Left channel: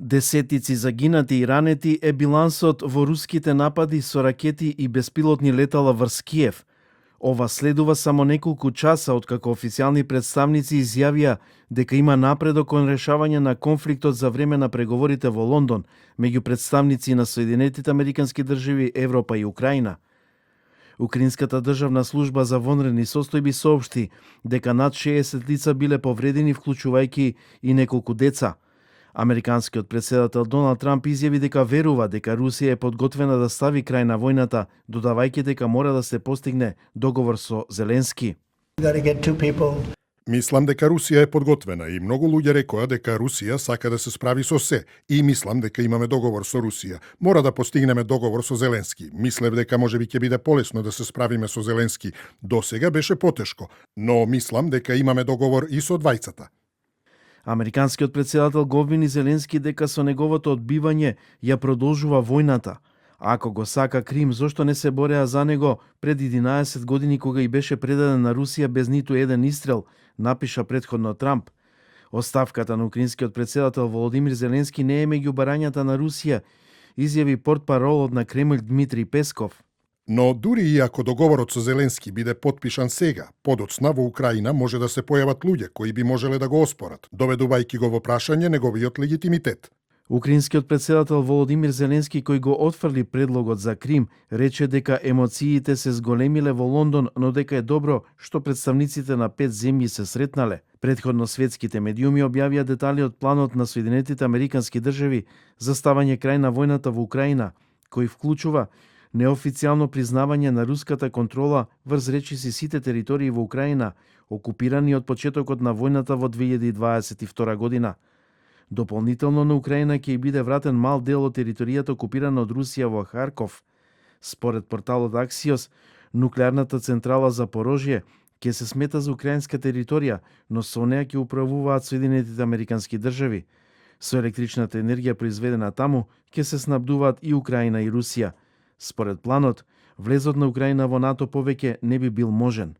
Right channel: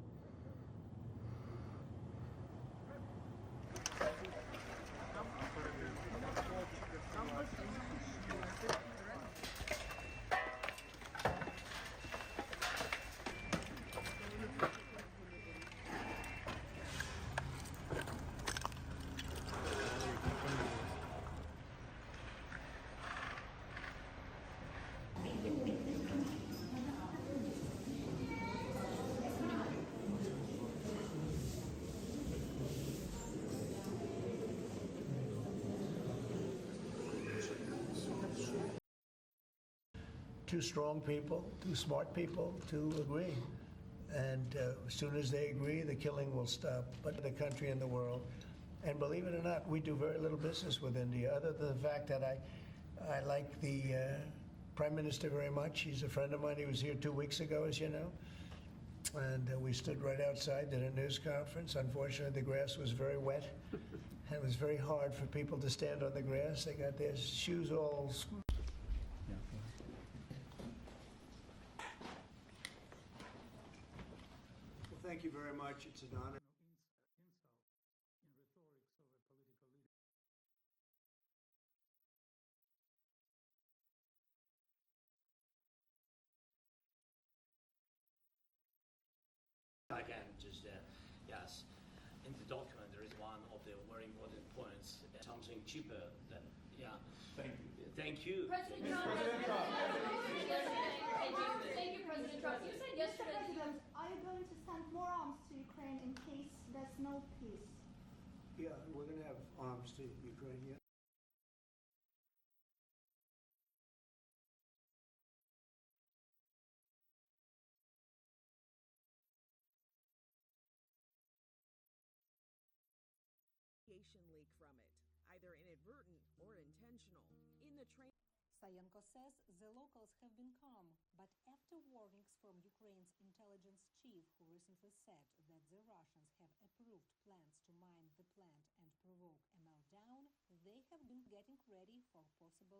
Десетици загинати и ранети е билансот во руските напади со ракети и беспилотни летала врз Киев. Ова следува само неколку часа откако официјални представници изјавија дека има напредок кон решавање на конфликтот за време на преговорите во Лондон меѓу представници на Соединетите Американски држави, Европа и Украина. Украинската државна служба за вонредни состојби соопшти дека над 60 лица биле повредени, вклучувајќи и неколку деца. Американскиот председател Доналд Трамп изјави дека верува дека Русија е подготвена да стави крај на војната, додавајќи дека мора да се постигне договор со Зеленски. Мислам дека Русија е подготвена и многу луѓе рекоа дека Русија сака да се справи со се и мислам дека имаме договор со Русија. Мора да постигнеме договор со Зеленски. Мислев дека можеби ќе биде полесно да се справиме со Зеленски. Досега беше потешко, но мислам дека имаме договор и со двајцата. Американскиот председател го обвини Зеленски дека со неговото одбивање ја продолжува војната. Ако го сака Крим, зошто не се бореа за него пред 11 години кога и беше предаден на Русија без ниту еден истрел, напиша претходно Трамп. Оставката на украинскиот председател Володимир Зеленски не е меѓу барањата на Русија, изјави портпаролот на Кремљ Дмитрий Песков. Но дури и ако договорот со Зеленски биде потпишан сега, подоцна во Украина може да се појават луѓе кои би можеле да го оспорат, доведувајќи го во прашање неговиот легитимитет. Украинскиот председател Володимир Зеленски, кој го отфрли предлогот за Крим, рече дека емоциите се зголемиле во Лондон, но дека е добро што представниците на 5 земји се сретнале. Предходно светските медиуми објавија детали од планот на Соединетите Американски држави за ставање крај на војната во Украина, кој вклучува неофицијално признавање на руската контрола врз речиси сите територии во Украина, окупирани од почетокот на војната во 2022 година. Дополнително на Украина ќе биде вратен мал дел од територијата окупирана од Русија во Харков. Според порталот Axios, нуклеарната централа за Порожје ќе се смета за украинска територија, но со неа ќе управуваат Соединетите Американски држави. Со електричната енергија произведена таму ќе се снабдуваат и Украина и Русија. Според планот, влезот на Украина во НАТО повеќе не би бил можен.